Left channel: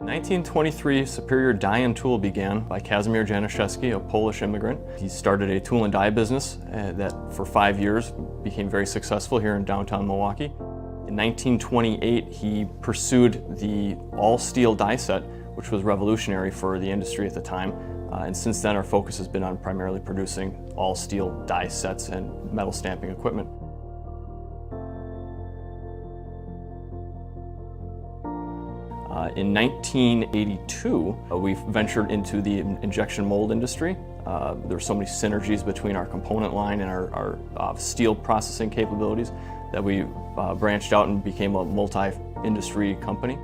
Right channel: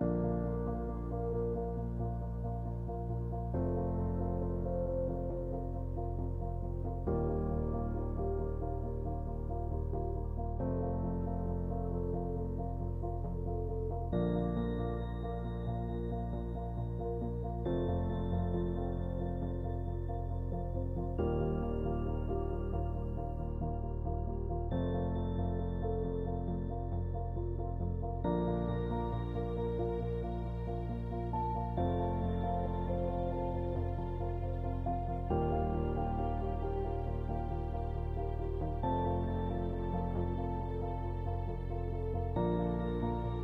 In 1923, Superior Die and Tool began by Kazimierz Januszewski, a Polish immigrant. He started a tool and die business that for 5 years became very successful here in downtown Milwaukee. In 1928, he pursued the all-steel die set, which was revolutionary for the industry at the time. And since then, our focus has been on primarily producing all-steel die sets and metal stamping equipment. In 1982, we ventured into the injection mold industry. There were so many synergies between our component line and our steel processing capabilities that we branched out and became a multi-industry company.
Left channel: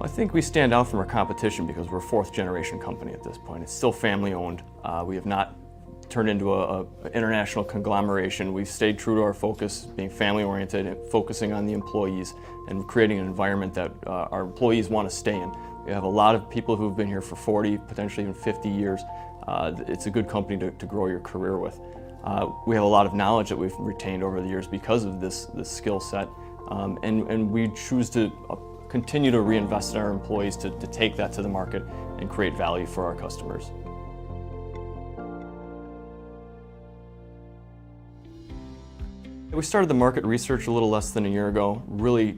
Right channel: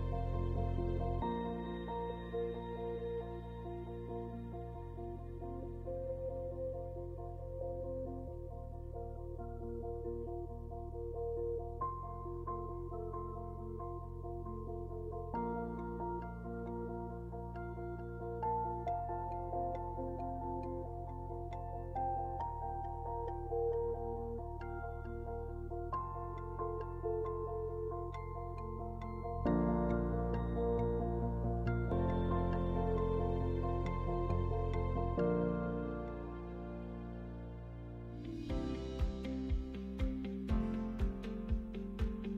I think we stand out from our competition because we're a fourth-generation company at this point. It's still family-owned. We have not turned into an international conglomeration. We've stayed true to our focus, being family-oriented and focusing on the employees and creating an environment that our employees want to stay in. We have a lot of people who've been here for 40, potentially even 50 years. It's a good company to grow your career with. We have a lot of knowledge that we've retained over the years because of this skill set, and we choose to continue to reinvest in our employees to take that to the market and create value for our customers. We started the market research a little less than a year ago, really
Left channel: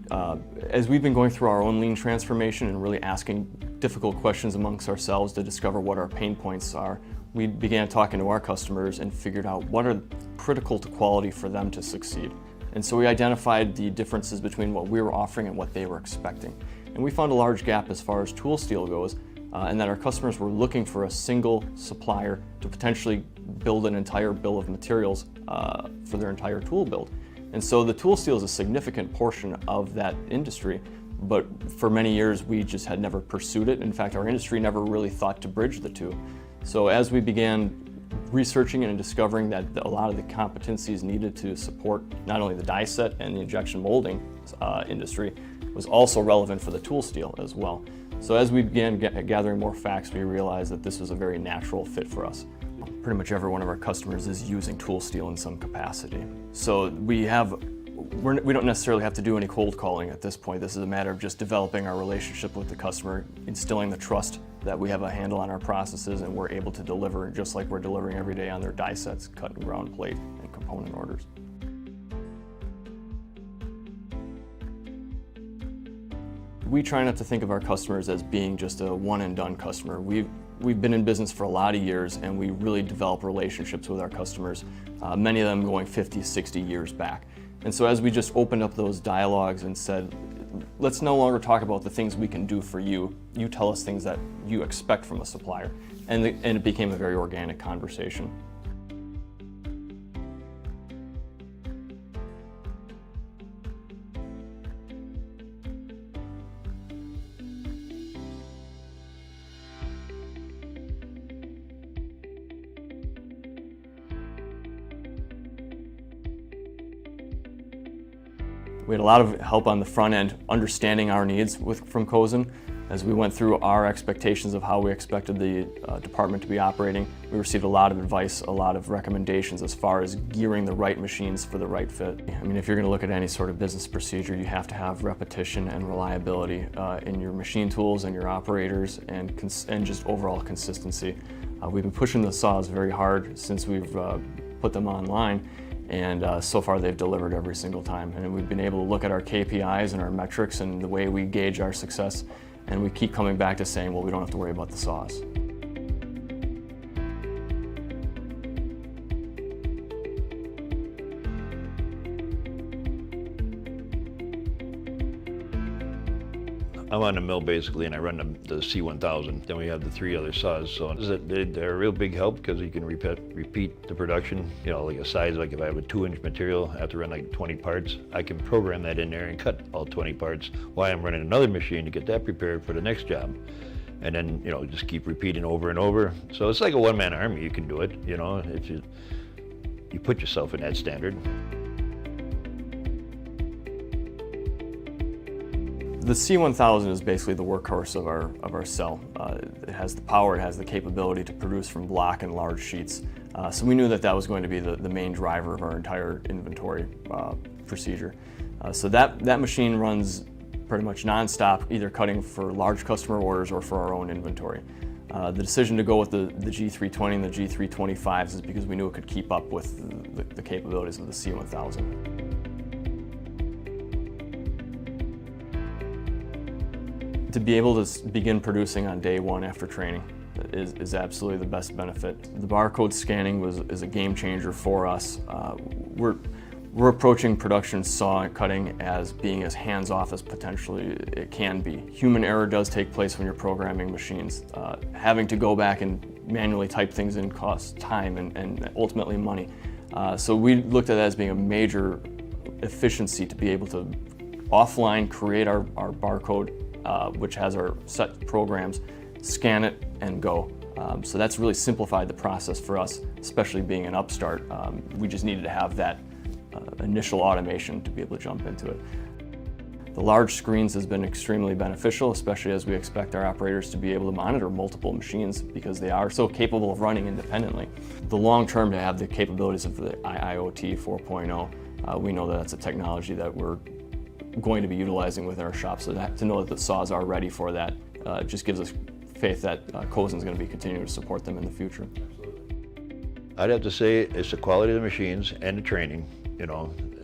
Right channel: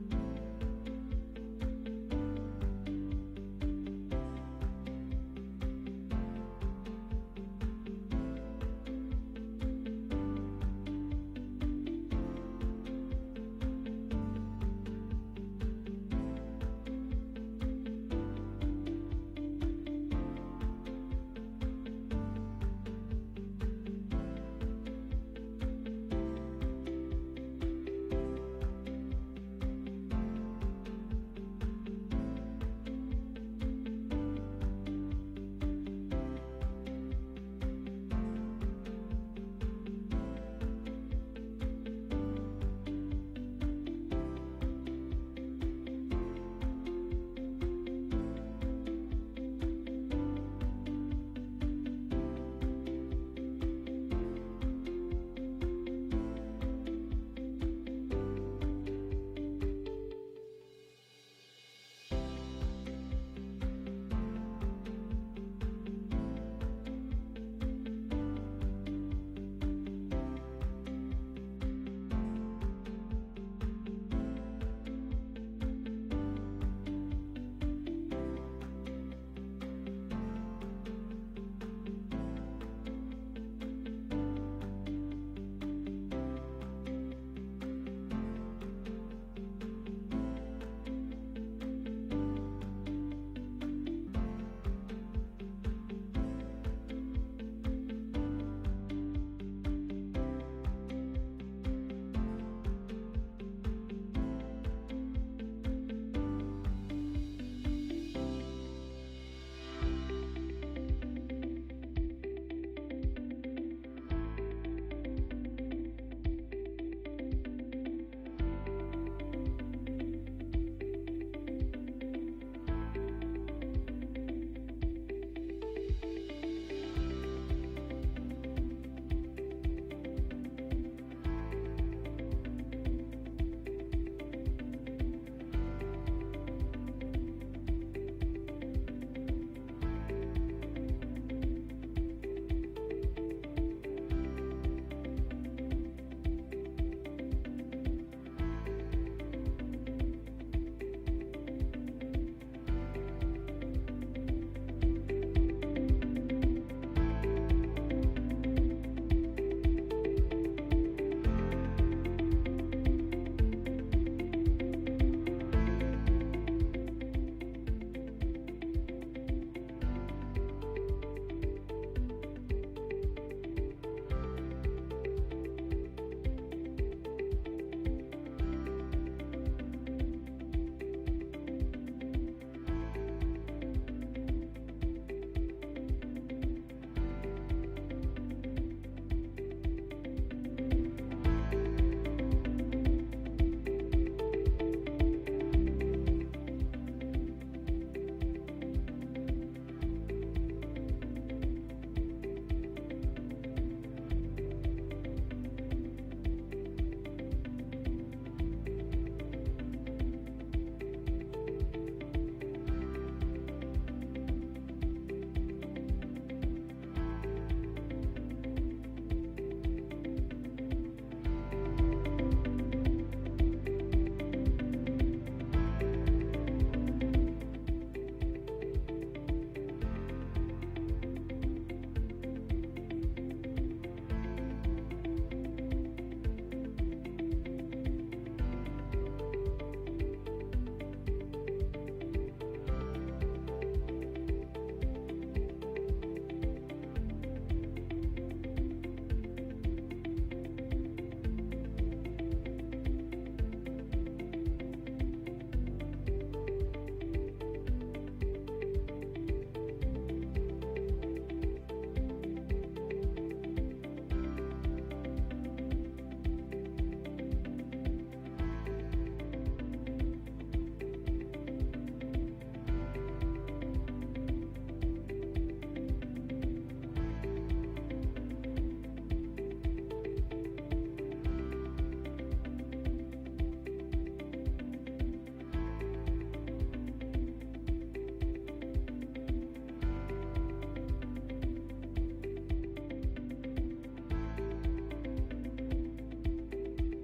as we've been going through our own lean transformation and really asking difficult questions amongst ourselves to discover what our pain points are. We began talking to our customers and figured out what are critical to quality for them to succeed. And so we identified the differences between what we were offering and what they were expecting. And we found a large gap as far as tool steel goes, and that our customers were looking for a single supplier to potentially build an entire bill of materials for their entire tool build. And so the tool steel is a significant portion of that industry, but for many years we just had never pursued it. In fact, our industry never really thought to bridge the two. So as we began researching and discovering that a lot of the competencies needed to support not only the die set and the injection molding industry was also relevant for the tool steel as well. So as we began gathering more facts, we realized that this was a very natural fit for us. Pretty much every one of our customers is using tool steel in some capacity. So we don't necessarily have to do any cold calling at this point. This is a matter of just developing our relationship with the customer, instilling the trust that we have a handle on our processes and we're able to deliver just like we're delivering every day on their die sets, cut and ground plate, and component orders. We try not to think of our customers as being just a one-and-done customer. We've been in business for a lot of years and we really develop relationships with our customers, many of them going 50, 60 years back. And so as we just opened up those dialogues and said, let's no longer talk about the things we can do for you, you tell us things that you expect from a supplier. And it became a very organic conversation. We had a lot of help on the front end, understanding our needs from Cosen. As we went through our expectations of how we expected the department to be operating, we received a lot of advice, a lot of recommendations as far as gearing the right machines for the right fit. I mean, if you're going to look at any sort of business procedure, you have to have repetition and reliability in your machine tools and your operators and just overall consistency. We've been pushing the saws very hard since we've put them online. And so far they've delivered every single time. And we've been able to look at our KPIs and our metrics and the way we gauge our success, and we keep coming back to saying, well, we don't have to worry about the saws. I'm on the mill basically, and I run the C1000. Then we have the 3 other saws. So they're a real big help because you can repeat the production. You know, like a size, like if I have a 2-inch material, I have to run like 20 parts. I can program that in there and cut all 20 parts while I'm running another machine to get that prepared for the next job. And then, you know, just keep repeating over and over. So it's like a one-man army. You can do it, you know, if you put yourself in that standard. The C1000 is basically the workhorse of our cell. It has the power, it has the capability to produce from block and large sheets. So we knew that that was going to be the main driver of our entire inventory procedure. So that machine runs pretty much non-stop, either cutting for large customer orders or for our own inventory. The decision to go with the G320 and the G325s is because we knew it could keep up with the capabilities of the C1000. To be able to begin producing on day one after training is absolutely the best benefit. The barcode scanning is a game changer for us. We're approaching production saw cutting as being as hands-off as potentially it can be. Human error does take place when you're programming machines. Having to go back and manually type things in costs time and ultimately money. So we looked at that as being a major efficiency to be able to offline create our barcode, which has our set programs, scan it and go. So that's really simplified the process for us, especially being an upstart. We just needed to have that initial automation to be able to jump into it. The large screens has been extremely beneficial, especially as we expect our operators to be able to monitor multiple machines because they are so capable of running independently. The long term, to have the capabilities of the IoT 4.0, we know that that's a technology that we're going to be utilizing with our shop. So to know that the saws are ready for that just gives us faith that Cosen is going to be continuing to support them in the future. I'd have to say it's the quality of the machines and the training,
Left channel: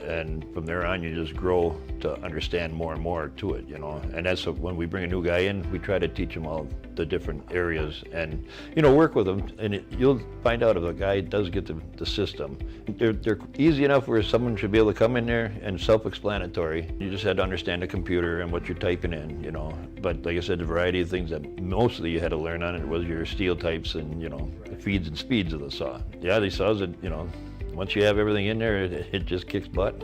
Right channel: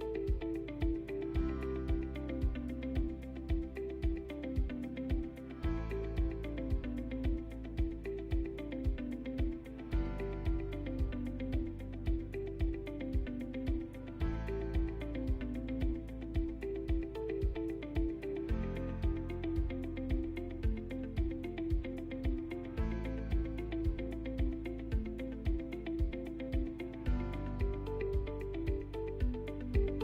and from there on you just grow to understand more and more to it, and that's when we bring a new guy in, we try to teach him all the different areas and work with him, and you'll find out if a guy does get the system. They're easy enough where someone should be able to come in there and self-explanatory. You just had to understand the computer and what you're typing in, but like I said, the variety of things that mostly you had to learn on it was your steel types and the feeds and speeds of the saw. Yeah, these saws, once you have everything in there, it just kicks butt.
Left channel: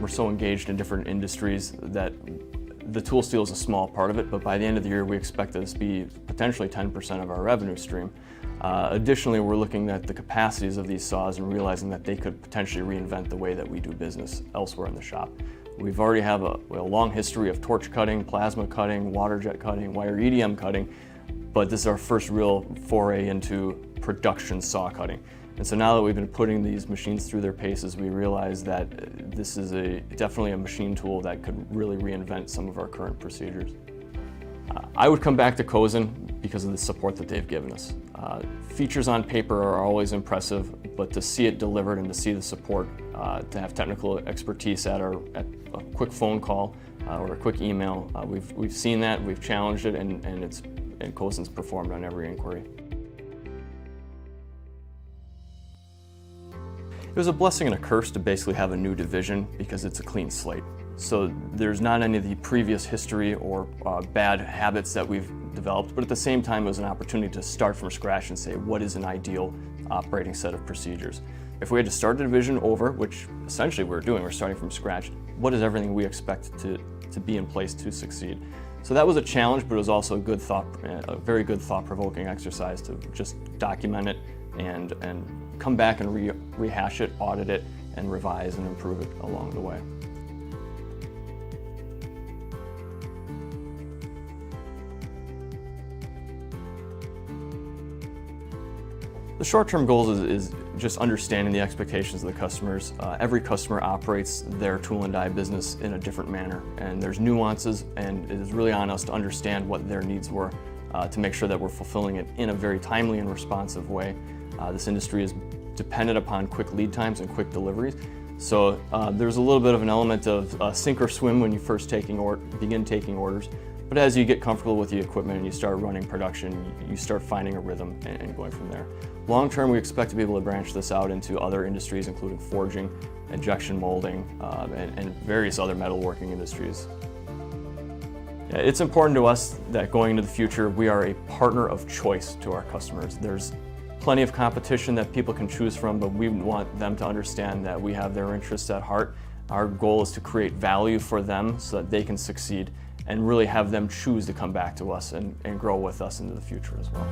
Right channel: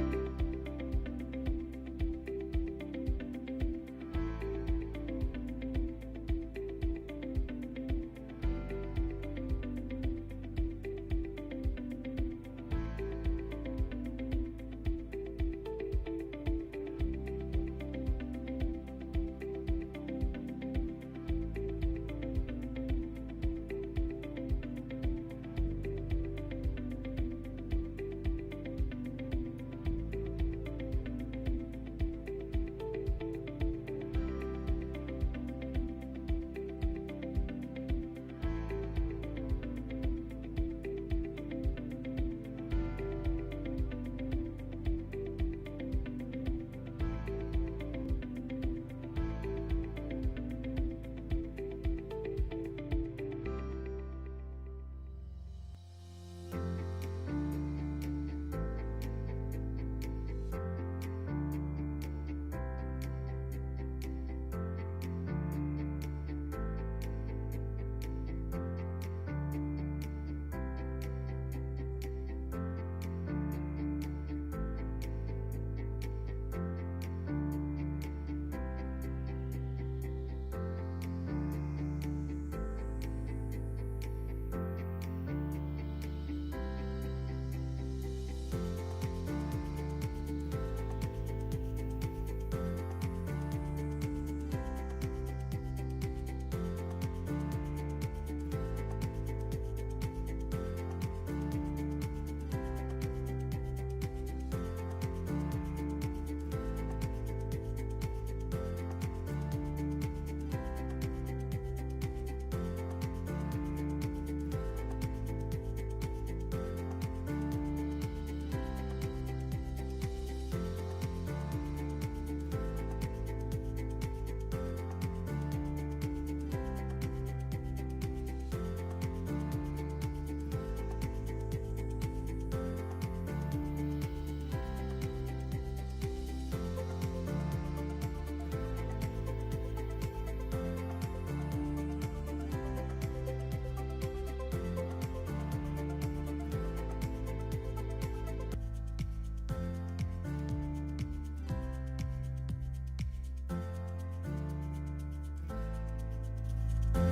We're so engaged in different industries that the tool steel is a small part of it, but by the end of the year we expect this to be potentially 10% of our revenue stream. Additionally, we're looking at the capacities of these saws and realizing that they could potentially reinvent the way that we do business elsewhere in the shop. We've already have a long history of torch cutting, plasma cutting, water jet cutting, wire EDM cutting, but this is our first real foray into production saw cutting. And so now that we've been putting these machines through their paces, we realize that this is definitely a machine tool that could really reinvent some of our current procedures. I would come back to Cosen because of the support that they've given us. Features on paper are always impressive, but to see it delivered and to see the support, to have technical expertise at a quick phone call or a quick email, we've seen that, we've challenged it, and Cosen's performed on every inquiry. It was a blessing and a curse to basically have a new division because it's a clean slate. So there's not any of the previous history or bad habits that we've developed, but at the same time it was an opportunity to start from scratch and say what is an ideal operating set of procedures. If we had to start the division over, which essentially we're doing, we're starting from scratch, what is everything we expect to be in place to succeed? So that was a challenge, but it was also a very good thought-provoking exercise to just document it and come back and rehash it, audit it, and revise and improve it along the way. The short-term goals is just understanding the expectations of the customers. Every customer operates their tool and die business in a different manner, and there's nuances, and it is really on us to understand what their needs were to make sure that we're fulfilling it in a very timely and responsive way. This industry is dependent upon quick lead times and quick deliveries, so there's a little bit of an element of sink or swim when you first begin taking orders. But as you get comfortable with the equipment and you start running production, you start finding a rhythm and going from there. Long term, we expect to be able to branch this out into other industries, including forging, injection molding, and various other metalworking industries. It's important to us that going into the future, we are a partner of choice to our customers. There's plenty of competition that people can choose from, but we want them to understand that we have their interests at heart. Our goal is to create value for them so that they can succeed and really have them choose to come back to us and grow with us into the future as well.